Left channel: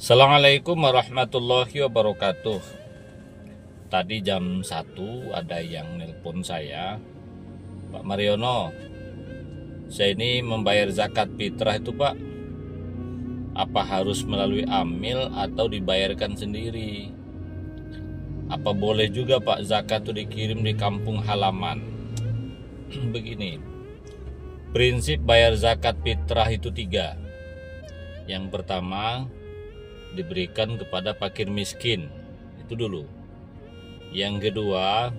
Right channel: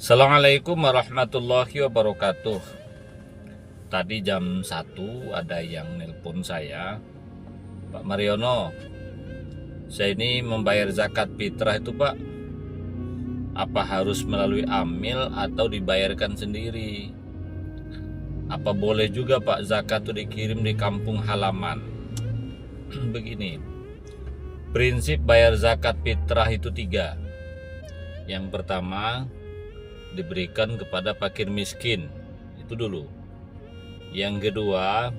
Assalamualaikum warahmatullahi wabarakatuh. Tadi jam 1 ada yang nelpon saya, Pak Mariono, saya ini membayar zakat fitrah itu Pak, apa harus melalui amil atau dibayarkan sendiri? Apa boleh juga Pak zakat itu dikirim di kampung halaman? Begini, prinsip bayar zakat fitrah itu 3. Yang pertama, diberikan kepada fakir miskin, itu dulu. Yang kedua,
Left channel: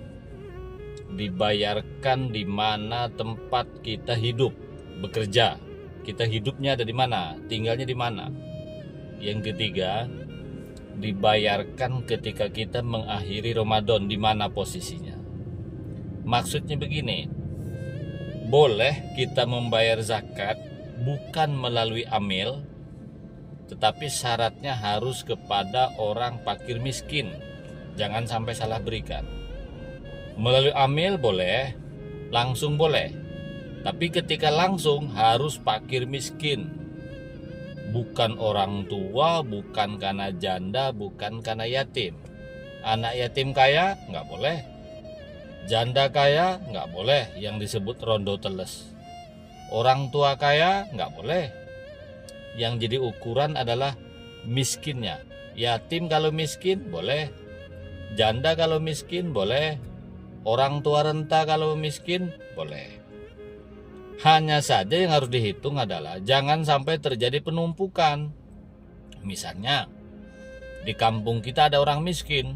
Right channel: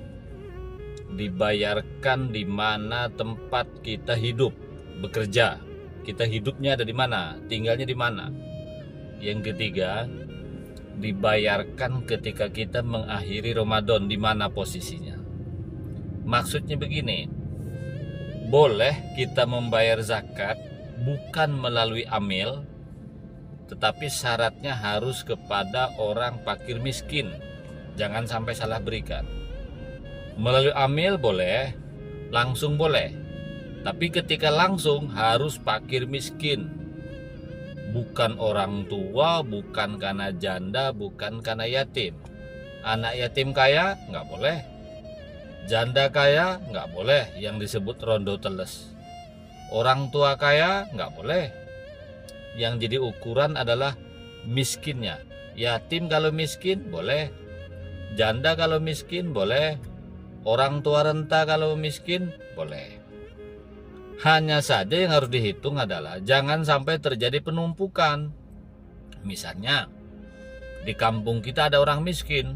dibayarkan di mana tempat kita hidup, bekerja. Kita hidupnya ada di mana, tinggalnya di mana. Yang ketiga, dibayarkan ketika kita mengakhiri Ramadan, di mana posisinya. Maksudnya begini, boleh kita membayar zakat bukan melalui amil, tetapi syaratnya harus kepada orang fakir miskin. Jangan sampai salah berikan. Melalui amil boleh, langsung boleh. Tapi ketika langsung harus fakir miskin. Bukan orang tua, bukan karena janda, bukan karena yatim. Anak yatim kaya nggak boleh. Janda kaya nggak boleh, yang disebut rondo teles. Orang tua kaya nggak boleh. Yang jadi ukuran adalah miskinnya. Yatim kalau miskin boleh, janda kalau miskin boleh, orang tua renta kalau miskin boleh. Hanya saja yang harus dihitung adalah jangan sampai terjadi penumpukan. Misalnya di kampung kita ada orang miskin,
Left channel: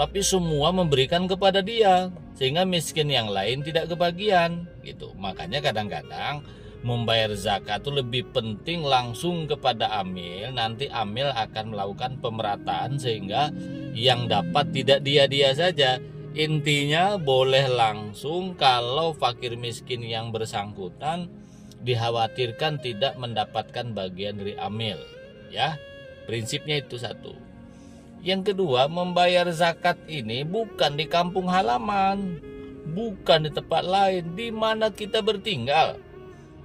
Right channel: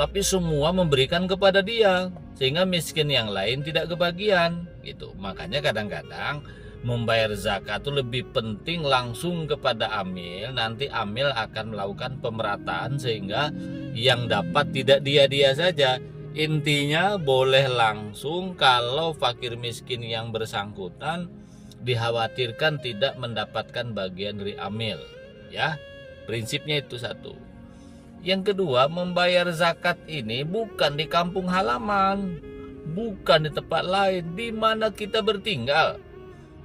tapi semua memberikan kepada dia, sehingga miskin yang lain tidak kebagian gitu. Makanya kadang-kadang membayar zakat itu lebih penting langsung kepada amil. Nanti amil akan melakukan pemerataan sehingga yang dapat tidak dia-dia saja. Intinya boleh langsung kalau fakir miskin yang bersangkutan dikhawatirkan tidak mendapatkan bagian dari amil. Ya, prinsipnya itu satu. Yang kedua, membayar zakat ini bukan di kampung halaman, bukan di tempat lain, di mana kita bertinggal.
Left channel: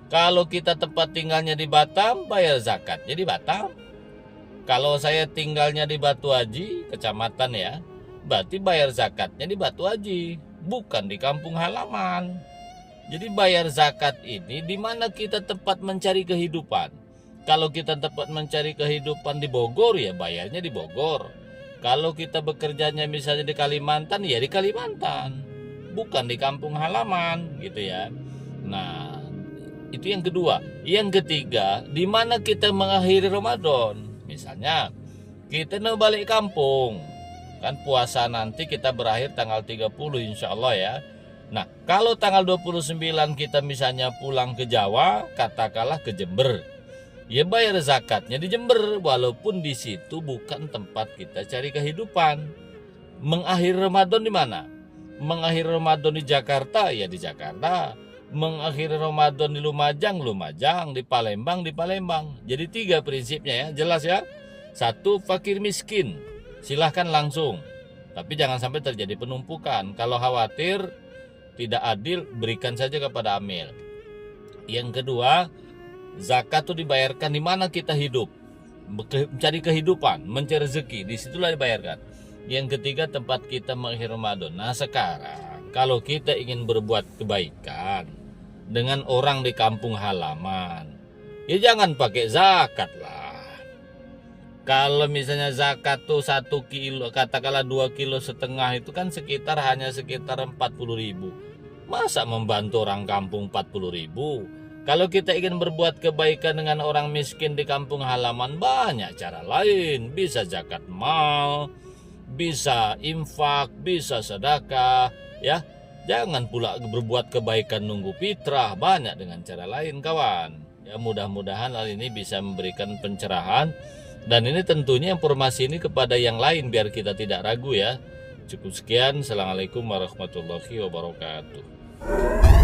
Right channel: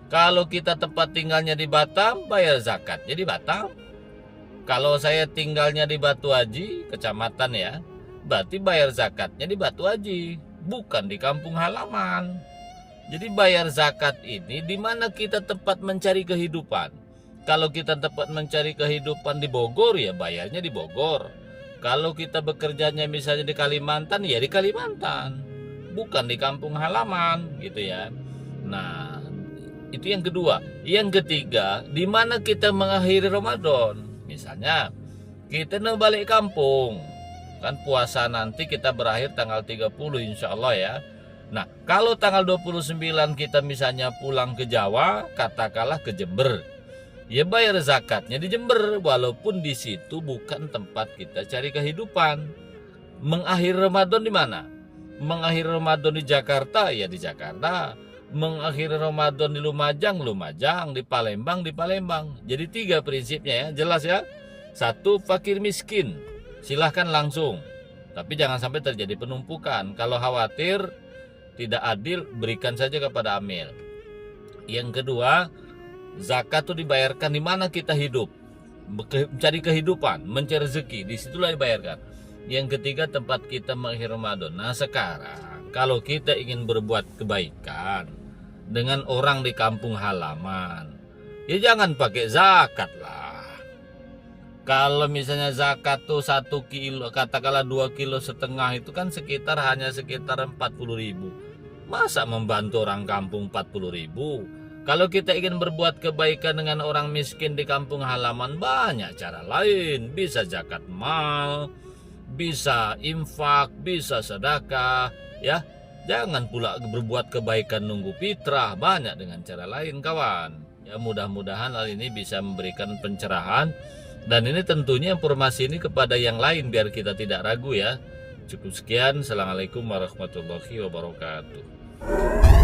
Kalau kita tempat tinggalnya di Batam, bayar zakatnya di Batam. Kalau saya tinggalnya di Batu Haji, kecamatan ya, berarti bayar zakatnya di Batu Haji, bukan di kampung halaman. Jadi bayar zakat ini di mana kita tempat mencari kehidupan. Kalau kita tempat mencari kehidupan di Bogor, ya bayarnya di Bogor. Kalau kita bekerjanya misalnya di Kalimantan, ya di Kalimantan, bukan di kampung halaman, gitu ya. Nah, itu yang kedua. Yang ketiga, di mana kita mengakhiri Ramadan. Misalnya, kita mau balik kampung. Kan puasa nanti kita berakhir tanggal 30 insya Allah ya. Nah, kalau tanggal 29 kita misalnya pulang ke Jawa, katakanlah ke Jember. Ya bayar zakatnya di Jember, walaupun di situ bukan tempat kita cari kehidupan. Mengakhiri Ramadan di mana? Mengakhiri Ramadan di Jakarta, ya di Jakarta. Mengakhiri Ramadan di Lumajang, di Palembang, di Palembang. Jadi 3 prinsipnya ya, jelas ya. 1, fakir miskin, silahkan langsung. Tapi jangan sampai terjadi penumpukan. Kalau khawatir tidak adil, berikan saja kepada amil. Yang kedua, zakat itu dibayarkan di mana kita hidup, mencari kehidupan, mencari rezeki, disitulah dibayarkan. Yang ketiga, tempat kita mengakhiri Ramadan. Nah sekarang, kalau kita ingin berbuat kebaikan dengan orang di kampung halaman, ya jangan pakai zakat lah. Kalau misalnya zakat tuh 1 kilo, katakanlah 2,5 kilo itu kan hanya sekitar 40.000. Masa membantu orang kampung 40.000? Kalau kita ingin berbuat kebaikan dengan orang miskin di kampung halaman, banyak cara lain. Bisa zakat mal, bisa infak, bisa sedekah, ya. Jangan pula berbuat kebaikan nunggu fitrah, banyak dengan cara lain kawan. Ya mudah-mudahan hal ini bisa memberikan pencerahan, dan ini tentunya informasi ini kepada yang lain biar kita tidak ragu ya. Cukup sekian, assalamualaikum warahmatullahi wabarakatuh.